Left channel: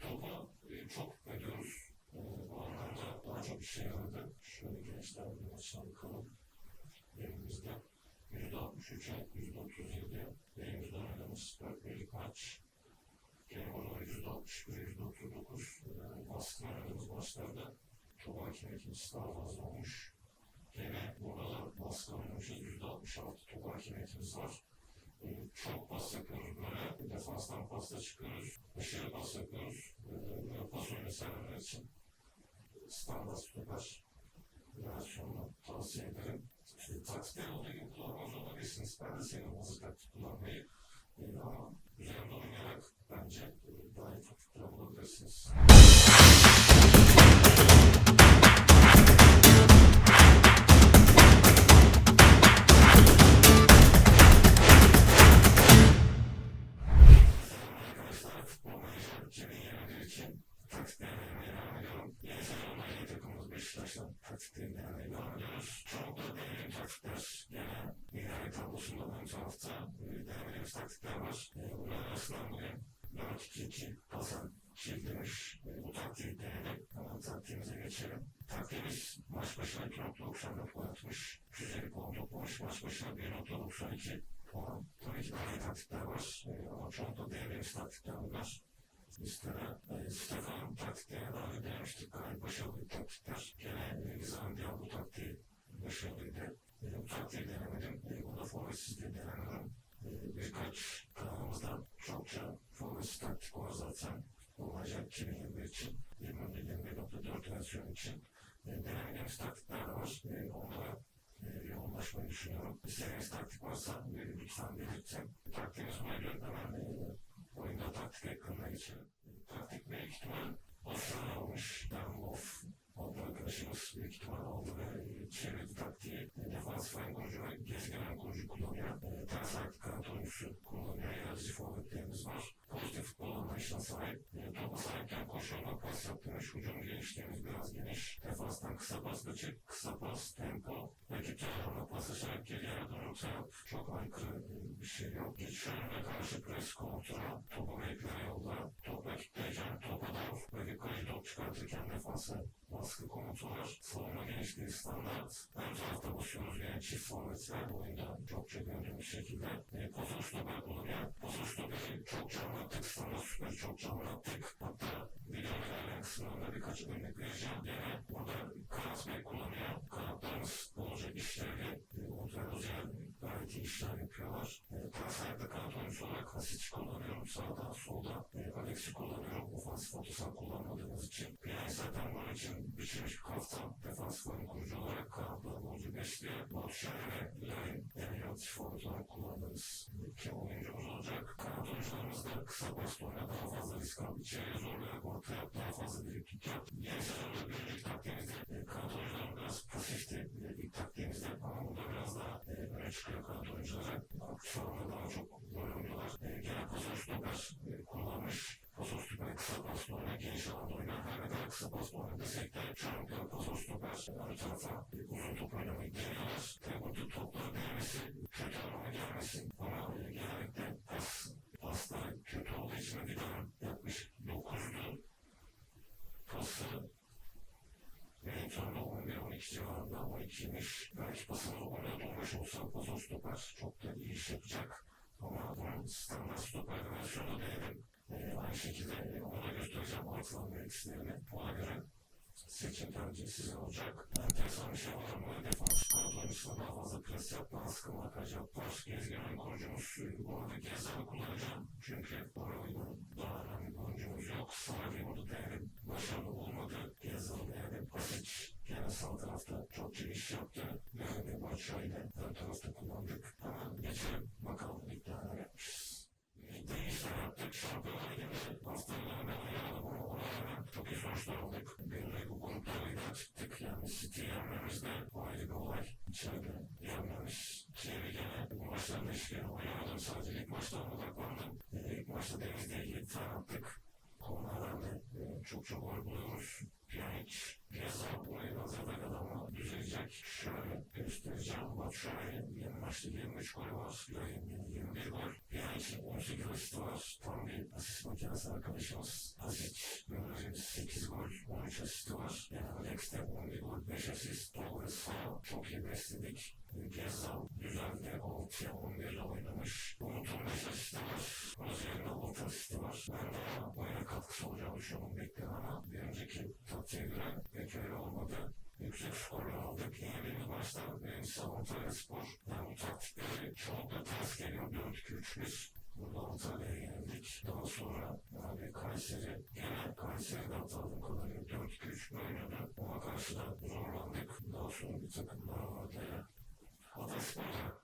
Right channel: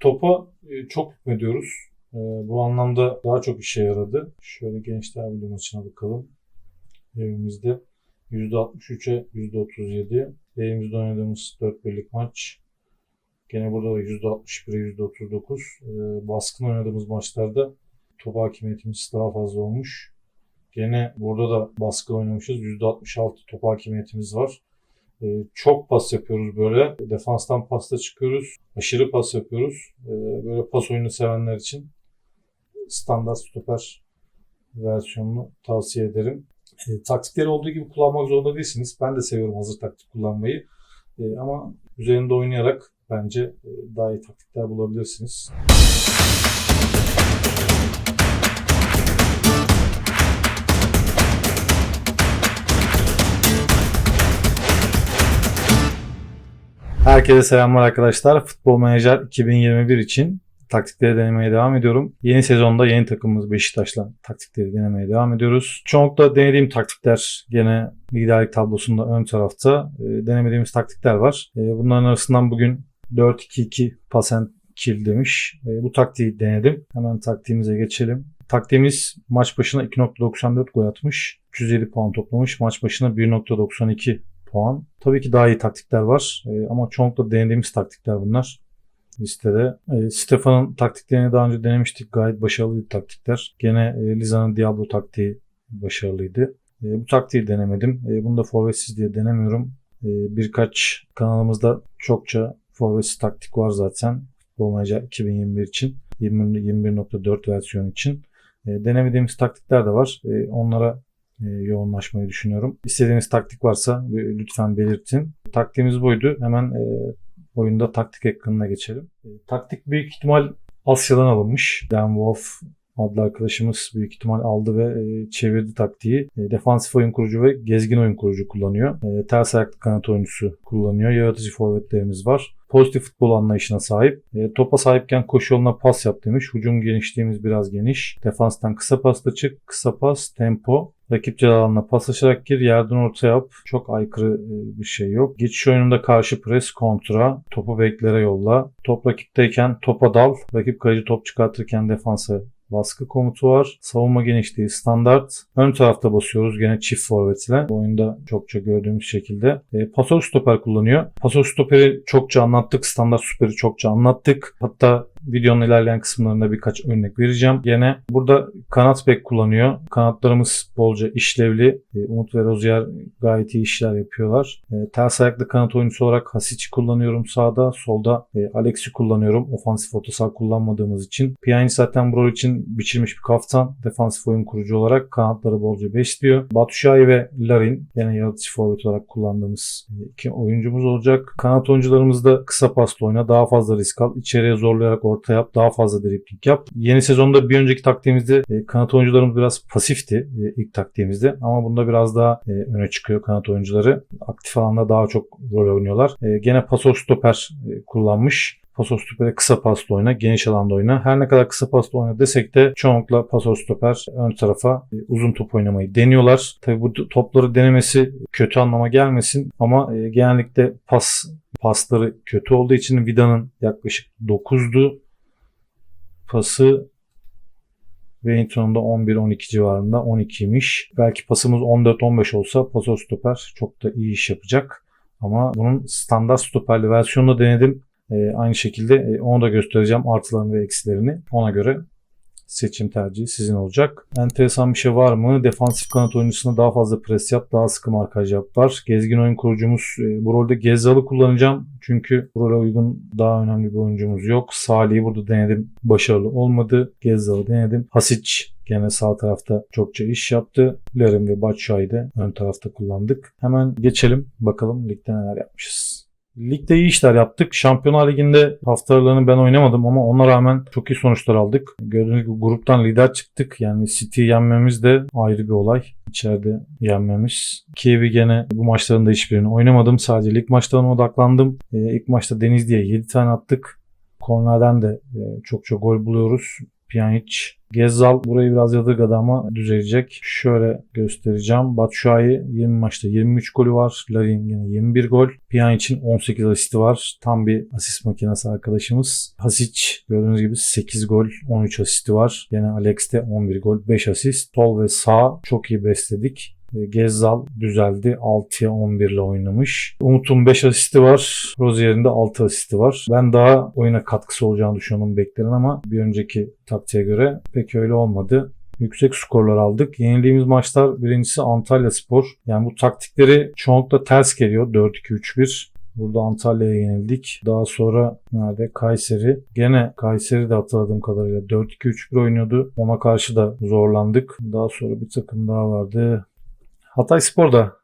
Topa e, çok hükmediyoruz. E, Bu anlamda daha çok işe yaradı. Şöyle Gençler Birliği maçına bakalım. Evimizde %63'e %37. Evimizde oynadığımız 4 birlik maç. Gene burada da %61'e %39. E, Baskın oynadığımız maçlarda top hakimiyetimiz daha fazla olmuş. Gene burada da baskı oynamışız. %66 top hakimiyetimiz var. Ee, çok pas yapıyoruz böyle. Defanstan pasta çıkıyoruz. Aşırı pas yapıyoruz. Ee, böyle pas oyunu sevenler için standart stoper versiyonunu tavsiye ederim. E, taktikleri olduğu gibi kullanmak zorunda değilsiniz. Ben de seviyorum hazır taktik kullanmayı. E, ama üzerinde oynayarak bence e, daha iyi taktikler bulabilirsiniz. Herkese selamlar arkadaşlar. Futbol Manager 2021 için taktikleri denemeye devam ediyorum. Yeni sezonda yeni takımımız Beşiktaş'la taktikleri denemeye devam ediyoruz. Çoğunlukla denediğim taktikler gene liderlik tablosunda ön tarafta e, denemediğimiz taktikler var. E, bunların arasından bugün 4-2-2 pas and kill demiş. E, bu taktiği denedim. Hemen taktiğimize geçelim. Taktiğimiz maç başına 2.94 gol atmış. 307 puan toplamış. Maç başına 1.92 puan. Tabii ki daha iyi taktikler var E, ama çoğunlukla denediğimiz taktikler bunlar listede. E, Stefan'ın taktiklerini daha önce denemiştik. Gayet başarılıydı taktikler. Gene e, Liza'nın Diablo taktiği başarılıydı. E, bu taktiği denemedim. E, bunu da forvetsiz diye denemiyorum. E, birkaç kanalımızda çokça forvetsiz taktik var zaten. Manager 2021 için. 20 21.4 versiyon için. E, denemediğimiz taktikler de var. E, onlara yoğunlaşmayı düşünüyorum. İstediğiniz taktik varsa e, lütfen belirtin. Taktiğimiz buydu. Hemen e, oyunda taktik ekranına geçelim. E, taktik büyük ihtimal Asya'dan alınmış. Dan Wolf adlı arkadaşımız büyük ihtimal aldı ve e, çevirdi taktiği. E, defansif oyun kurucu ve gezgin oyun kurucu kullanıyor. E, ters ayaklı kanat oyuncusu kullanıyor. Yaratıcı forvetlerimiz var. Pozitif futbol anlayışına sahip. E, topa sahipken koşu yoluna pas yap demiş. Hücum genişliğimiz biraz geniş. Defanstan kısa pasla çık. Kısa pas, tempo. Rakip ceza alanına paslaşarak gir, yerden orta yap. Çok aykırı e, bir şey yok. Geçiş oyununda karşı pres, kontra, topu beklere yolla. Top rakipteyken topa dal. Rakip kaleci top çıkartırken defansa baskı komutu var. Savunma genişliği standart. Ön tarafta basıyoruz gene çift forvet ile. Bu oyunda çokça gördüğümüz şekilde. E, pasör stoper kullanıyor. Pasör stoperi çokça anlattık. Standart stoperi çokça anlattık. Hatta videonun ilerleyen kısımlarında birkaç örnek vereceğim. Gene burada kanat bek kullanıyor. Kanatlarımız bolca işlevli. E, Umut ve Rozier gayet iyi işler yapıyorlar. E, ters ayaklı kanat oyuncusu olarak Hasic'i kullanıyorum sağda. Solda e, Alex'i kullanıyorum. Ofansif orta saha kullanmadığımız için. Pjanic zaten bu rol için biçilmiş bir kaftan. Defansif oyun kurucu olarak kanatları bolca besliyor. Batshuayi ve Larin yine yaratıcı forvet olarak kullandığımız iki oyuncumuz olacak. Kanat oyuncularımız da kısa pasla oyna. Daha fazla risk al. İçeriye zorlayarak orta yap. Daha fazla dribling yap. Yeni sezonda bir önceki taktiğimizde e, kanat oyuncularımız biraz pasifti e, ilk taktiğimizde. Ama bunda biraz daha e, öne çıkıyor kanat oyuncuları. Aktif alanda daha çok rol oynuyorlar. Gene paso stoper kullanmış. Paso stopere kısa pasla oyna, geniş alanda oyna. Her ne kadar kısa pasla oyna desek de çoğunlukla paso stoper ön tarafa uzun top oynamayı deniyorlar. Tabi bu topları denemesi kötü anlama gelmesin ama genellikle pas pasları kötü olduğu için Vida'nın yaklaşık 9'du pası Wellington'da 11-12 civarında 12'ymiş. Belki pasımız 14-15 olsa paso stoper çok da iyi iş yapacak. Ama bunun standart stoperli versiyonunu denedim. Ee, aynı şekilde e, onu da göstereceğim artılarını ve eksilerini. Ona göre seçim tercihi sizin olacak. Enteresan bir şey var mı? Defansif kanat oyuncusuna daha fazla pres yap, daha sıkı markaj yap var. Gezgin oyun kurucumuz e, bu rolde Gezzal'ı kullanacağım. Çünkü bu role uygun daha önemli bir oyuncumuz yok. Salih'i burada denedim. Başarılı olmadı. Gezzal'ı denedim. Hasic Gene sağ tarafta çokça iş yaptı. Larin ve Batshuayi de ön tarafta kullandık. Hemen geçelim. Bakalım ligde neler yapmışız. Ligde iyi işler yaptık. Şampiyonlar Ligi'nde haftalarını ben oynamadım ama ona rağmen çok iyi sonuçlar aldık. Gördüğünüz gibi gruptan lider çıktık. Yani City'yi yenmemiz de ayrı bir olay. İçeride yenmemiz. Kiev'i gene bu maçların da hiçbirini oynamadım. Sadece lig maçlarına odaklandım. Ee, ilk maçta Denizli'ye 7 tane attık. Kornerden de e, çok çok gol buluyoruz. Pjanic. Gezzal burayı biraz yadırgadı ama düzelecek. Şöyle göstereceğim. Batshuayi 20 maçta 23 golü var. Larin yine 21 gol. Pjanic'in 18 asisti var. Tam bir asist makinesi arkadaşımız. Hasic gördüğünüz gibi 8 gol 13 asisti var. Yine Alex'te 11 gol 5 asist. Sol ve sağ çok iyi besledik. Gezzal düzeldi. 6'ya 11 ile oynamış. Umut'un 5 asisti var. Rozier'in de 6 asisti var. Ben daha oyuna katkısı olacağını düşünüyorum beklerin ama bir önceki taktiğe göre pek öyle olmadı. Yüksek skorlar aldık. Yenildiğimiz maçlar birincisi Antalya Spor. Yani bu taktikleri çoğunlukla ters geliyor. 4-2-3-1. Burada Antalya'ya yenildik. Daha sonra nerede? Kayseri. Gene Kayseri de hatırladığım kadarıyla 4-2-3-1 oynuyordu. Ona karşı da zorlandık. Daha sonra bir takım daha vardı. Hatay Spor da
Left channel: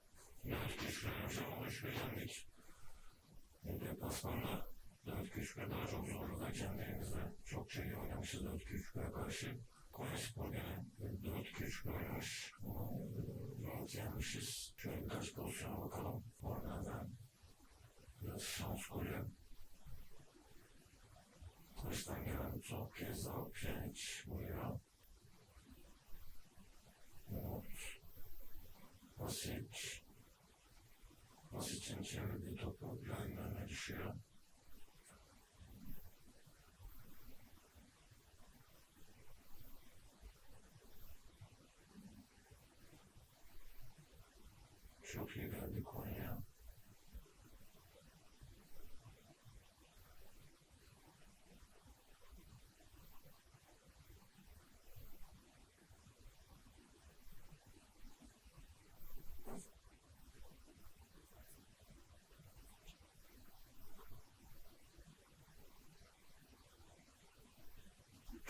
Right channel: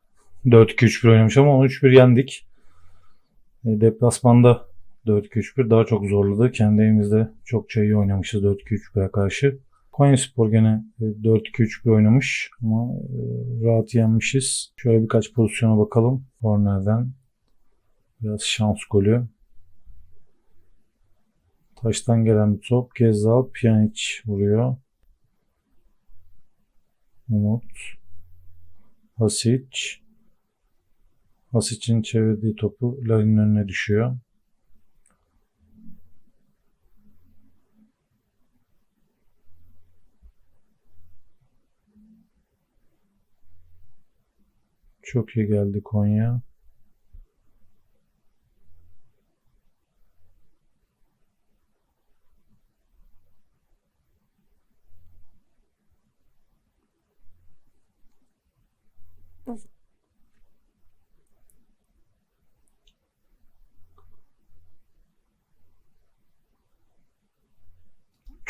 4-2-3-1 oynamış ama 13-1 yendik. E, Deplasmanda 4-2-3-1 daha çok zorladı. Kendi evimizde çokça iyi oynamışız 4-2-3-1'e karşı. Konya Spor gene e, 4-2-3-1 oynamış ama e, rahat yenmişiz. Şöyle birkaç pozisyona bakalım. Kornerden biraz şans golü. Taştan gelen bir top. Gezzal Pjanic vuruyor. Umut. Hasic. Hasic'in çevirdiği topu Larin'in önüne düşüyor. Çok iyi geldi Konya.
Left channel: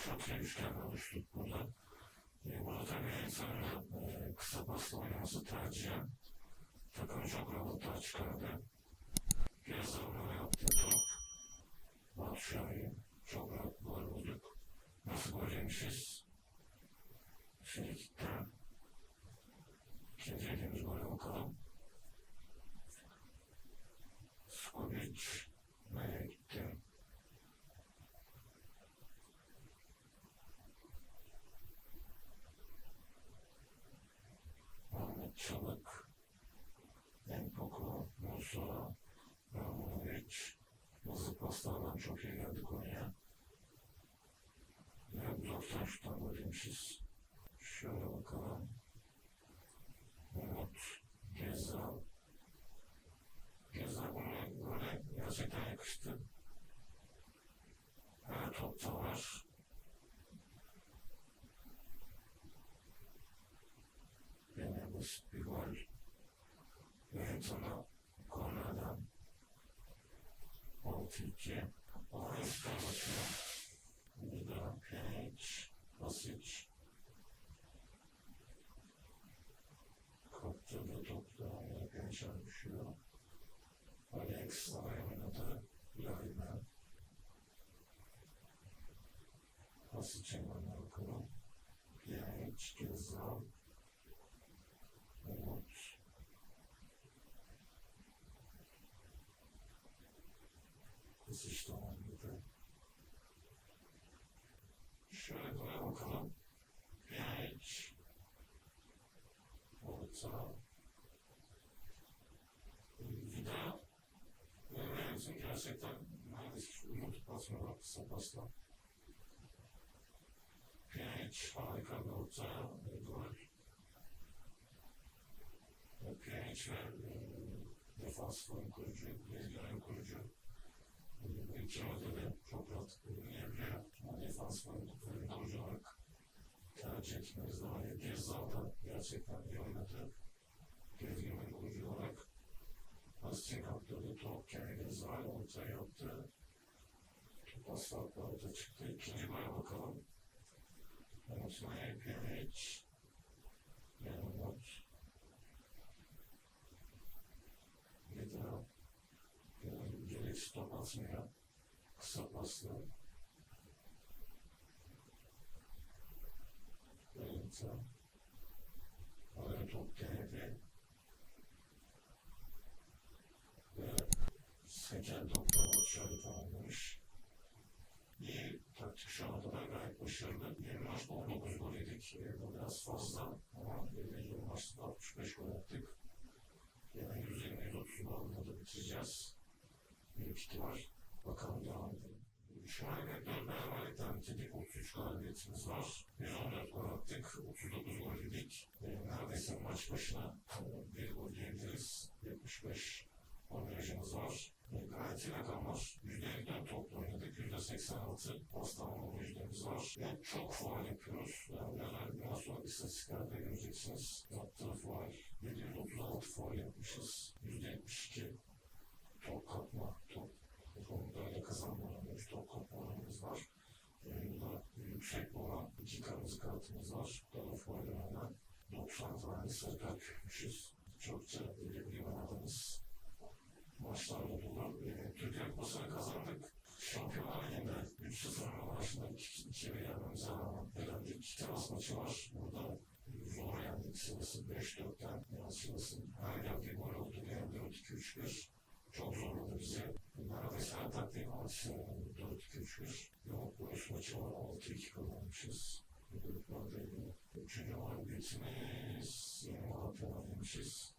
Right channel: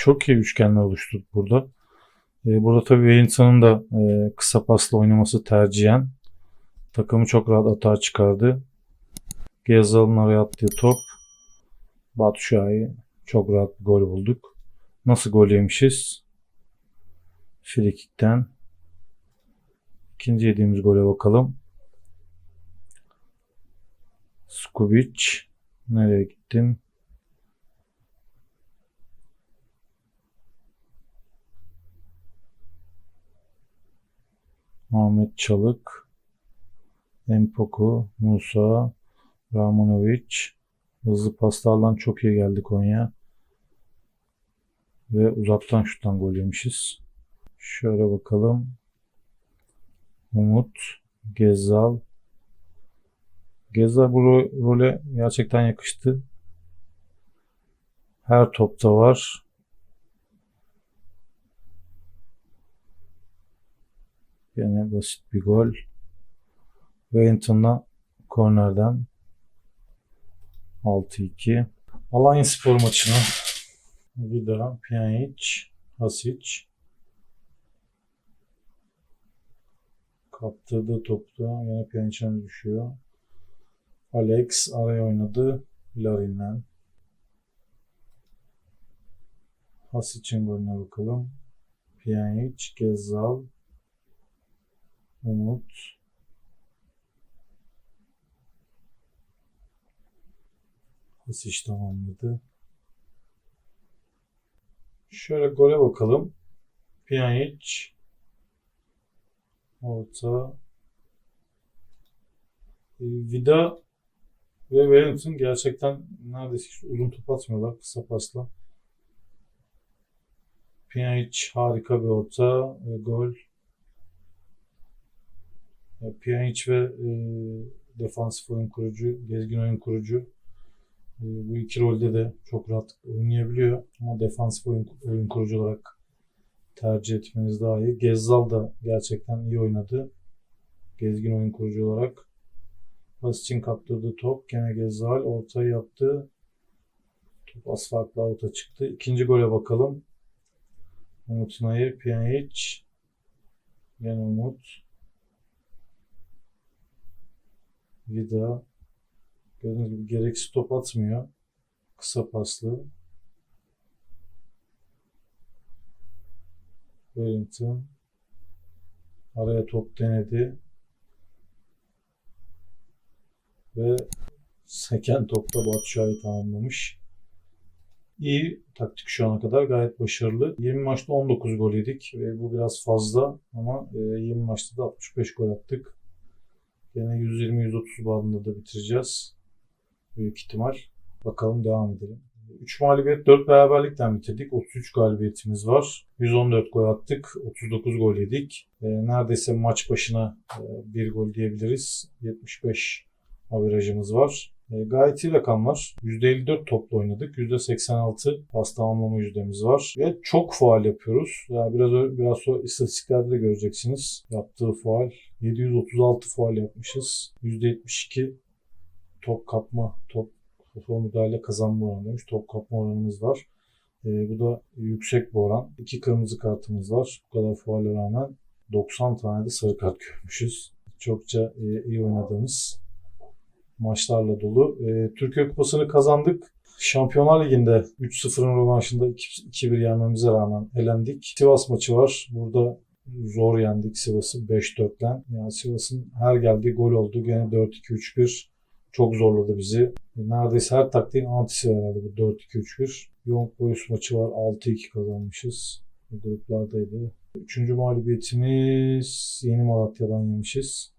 Çok iyi üçgenler oluşturduk burada. Ee, burada tabii Wellington'ın da e, kısa pasla oynaması tercihen. Takımı çok rahat atağa çıkardı. Gezzal'ın araya attığı top. Batshuayi çok rahat gol bulduk. Nasıl gol yemişiz? Frikikten. İkinci yediğimiz gole bakalım. Skubic. Nereye gittim? Ahmet Çalık. Empoku, Musa, Ramonovic. Hızlı paslarla çok iyi geldi Konya. Ve uzaktan şuttan gol yemişiz. Şöyle bakalım. Umut, Gezzal. Gezzal bu ro- role gerçekten yakıştı. Her topta var. Yine basit bir gol. Wellington'la kornerden 6-2. Alanya Spor maçına Vida, Pjanic, Hasic kaptırdığı topta yine Pjanic'e düşüyor. Alex araya oynadı. Larin'den. Hasic'in golüne bakalım. Pjanic, Gezzal, Umut, Kesiş tamamladı. Şöyle gole bakalım. Pjanic orta E, Vida ve Wellington gerçekten neredeyse hiç uzun top atmıyorlar kısa pasla. Pjanic harika bir orta gol. E, Pjanic ve e, defansif oyun kurucu, gezgin oyun kurucu e, bu iki rolde de çok rahat oynayabiliyor. Ama defansif oyun, oyun kurucu olarak tercih etmeniz daha iyi. Gezzal da gerçekten iyi oynadı. Gezgin oyun kurucu olarak. Pas için kaptırdığı top. Gene Gezzal ortayı yaptı. Top asfaltla orta çıktı. İkinci gole bakalım. Umut Nayır, Pjanic. Gene Umut. Vida. Gördüğünüz gibi gereksiz top atmıyor. Kısa paslı. Wellington. Araya top denedi. Ve seken topta Batshuayi tamamlamış. iyi taktik şu ana kadar gayet başarılı. 20 maçta 19 gol yedik. E, bu biraz fazla ama e, 20 maçta da 65 gol attık. Yine 120-130 bandında da bitireceğiz. Büyük ihtimal. Bakalım devam edelim. 3 mağlubiyet 4 beraberlikten bitirdik. 33 galibiyetimiz var. 114 gol attık. 39 gol yedik. E, neredeyse maç başına e, bir gol diyebiliriz. 75 averajımız var. E, gayet iyi rakamlar. %54 topla oynadık. %86 pas tamamlama yüzdemiz var. Ve çok faal yapıyoruz. Yani biraz biraz sonra istatistiklerde de göreceksiniz. Yaptığı faal. 736 faal yapmışız. %72 top kapma, top topa müdahale kazanma oranıymış. Top kapma oranımız var. E, bu da yüksek bir oran. İki kırmızı kartımız var. Bu kadar faale rağmen 90 tane de sarı kart görmüşüz. Çokça e, iyi oynadığımız maçlarla dolu. E, Türkiye Kupası'nı kazandık. Şampiyonlar Ligi'nde 3-0'ın rövanşında 2- 2-1 yenmemize rağmen elendik. Sivas maçı var. Burada zor yendik Sivas'ı 5-4'ten. Yani Sivas'ın her geldiği gol oldu. Gene 4-2-3-1 çok zorladı bizi. Neredeyse her taktiğin antisi herhalde bu 4-2-3-1. Young Boys maçı var. 6-2 kazanmışız. Gruplardaydı. Üçüncü mağlubiyetimiz Yeni Malatya'dan yemişiz.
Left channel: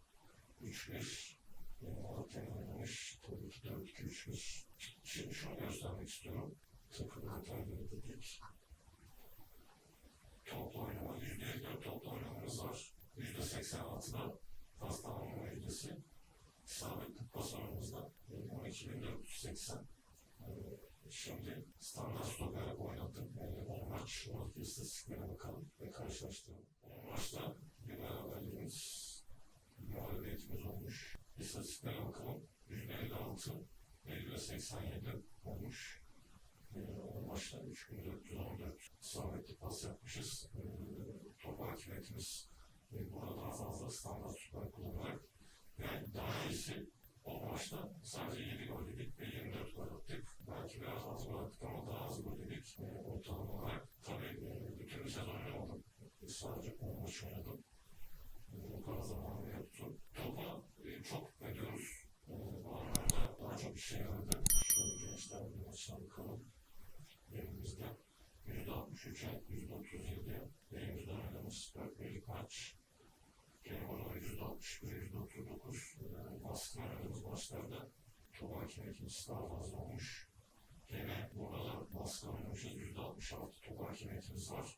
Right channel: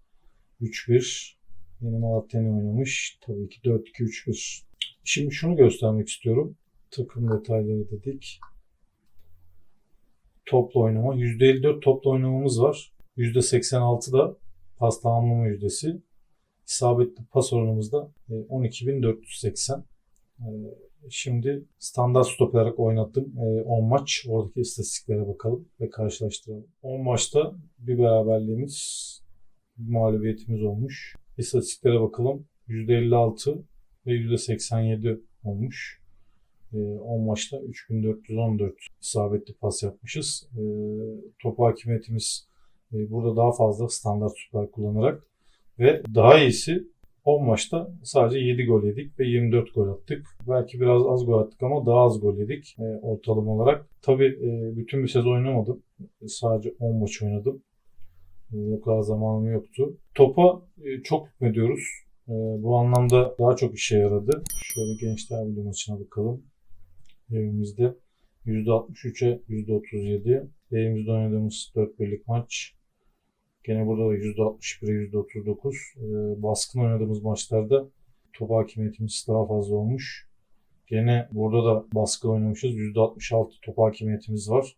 3-1. Yeni Malatya'nı oynamış. Tabii ki 4-2-3-1. Şimdi şunu göstermek istiyorum. Takım detayları dedik. Topla oynama. %54 topla oynamamız var. %86 da pas tamamlama yüzdesi. İsabetli pas oranımız da e, 12.480. E, Şimdi standart stop olarak oynattım. E, 10 maç. Oradaki istatistiklere bakalım ve karşılaştıralım. 10 maçta bir beraberliğimiz, bir mağlubiyetimiz olmuş. İstatistiklere bakalım. %56 ve %87 olmuş. E, 10 maçta 3414 isabetli pas yapmışız. E, top hakimiyetimiz e, burada daha fazla standart süper kullanarak ve daha iyisi 10 maçta sadece 7 gol yedik ve 24 gol attık. Belki biraz az gol attık ama daha az gol yedik e, ortalama olarak. Tabii e, bütün bir sezon oynamadım. Sadece 10 maç oynadım. E, o kadar zamanım yoktu. Topa e, çok hükmediyoruz. E, bu anlamda daha çok işe yaradı. Şöyle Gençler Birliği maçına bakalım. Evimizde %63'e %37. Evimizde oynadığımız 4 birlik maç. Gene burada da %61'e %39. Ee, baskın oynadığımız maçlarda top hakimiyetimiz daha fazla olmuş. Gene burada da baskı oynamışız. %66 top hakimiyetimiz var.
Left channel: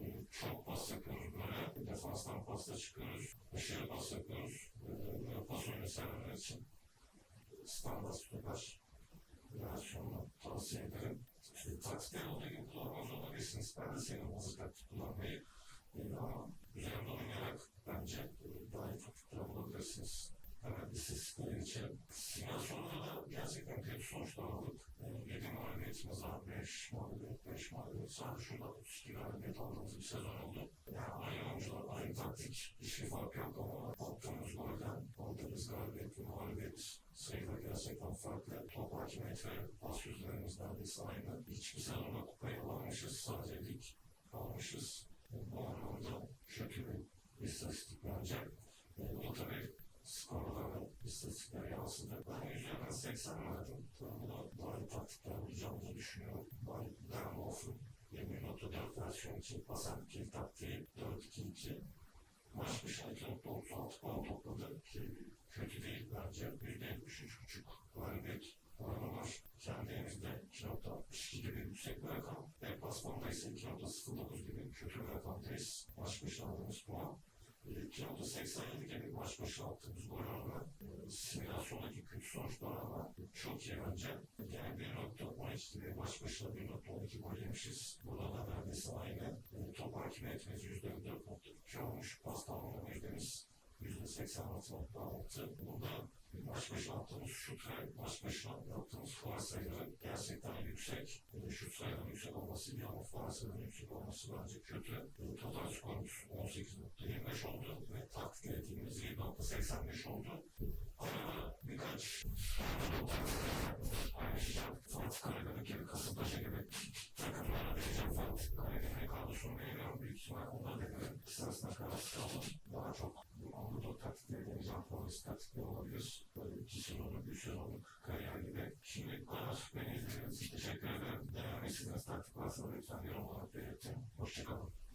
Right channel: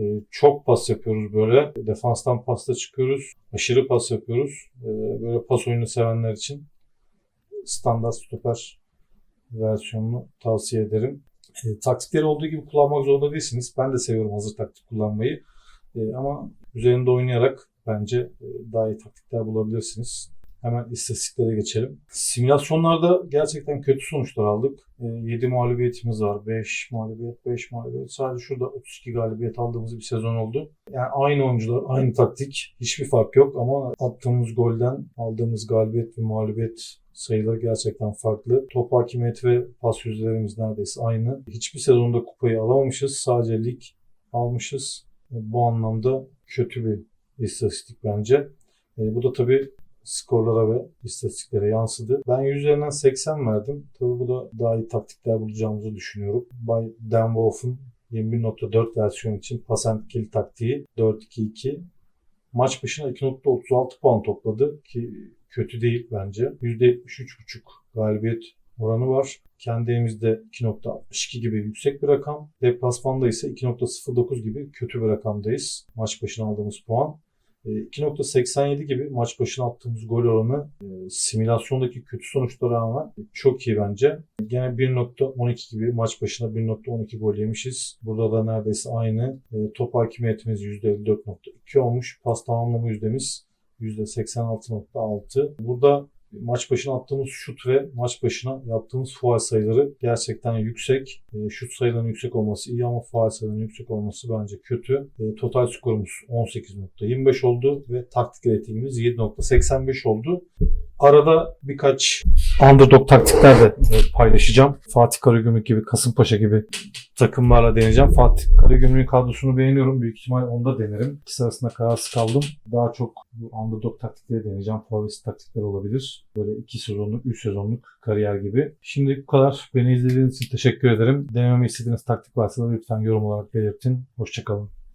Ee, çok pas yapıyoruz böyle. Defanstan pasta çıkıyoruz. Aşırı pas yapıyoruz. Ee, böyle pas oyunu sevenler için standart stoper versiyonunu tavsiye ederim. E, taktikleri olduğu gibi kullanmak zorunda değilsiniz. Ben de seviyorum hazır taktik kullanmayı. Ama üzerinde oynayarak bence e, daha iyi taktikler bulabilirsiniz. Hemen istatistiklere geçelim. Simülasyonlarda gerçekten kötü sonuçlar aldık. E, 7 mağlubiyetimiz var. 5 mağlubiyet, 5 mağlubiyet. Sadece şurada 32 galibiyet aldığımız bir sezon oldu. Yani aynı oyuncular, aynı taktik. Hiçbir fark yok ama attığımız golden aldığımız galibiyet ve mağlubiyet sayıları gerçekten farklı. Top hakimiyeti ve pas yüzdelerimiz neredeyse aynı. Hiçbir sezonda kupayı alamamışız. Sadece lig almışız. Bu anlamda kötü bir istatistik bence. E, bu da tabii skorlara ve istatistiklere yansıdı. Ben 100 üzerinden 80 verdim. Tabii bu da daha iyi taktikler bulacağımızı düşünüyorum. Bay Dan Wolf'un 21.4 versiyon için pas and kill taktiği 4-2-2. Maç başına 2.36 puan topladı ki kötü değil bence. %73.5 galibiyet oranı var. Kendi evimizde 2.62 gibi yüksek bir rakam. Deplasmanda ise 2.09 gibi kötü bir rakamdayız. Maç başına aldığımız puan. E, 2.87 gibi maç başına attığımız gol oranı e, simülasyondaki kötü sonuçlara rağmen çok iyi bence. Gene 1.12 gibi maç başına 1.12 gol yemişiz. Burada da neredeyse aynı. E, top hakimiyetimiz %54.2 olmuş. Pas tamamlama yüzdemiz %86.6. Burada maç başına attığımız şut ve maç başına yaptığımız faal sayıları gerçekten yüksek. E, şut sayılarının yüksek olması iyi ama faal sayılarının yüksek olması bence kötü. E, total skorumuz 18.25 oldu ve taktik ratingimiz 7.85 oldu. Arada birkaç underdog taktikler de e, paylaşacağım. Fatih Karagümrük gibi, Kasımpaşa gibi takımlarla deneyeceğim. Fatih Karagümrük'ün kadrosunu beğeniyorum. Büyük ihtimal onu da denerim. İkisi arasında kararsız kaldım. Daha çok bu underdog taktikleri deneyeceğim. Favorit taktikler olabilir. Böyle 2 sezonluk, 3 sezonluk kariyer gibi. Şimdi bu kadar. Beni izlediğiniz için teşekkür ederim. Denememi istediğiniz taktik varsa da lütfen yorum olarak belirtin. Hoşçakalın.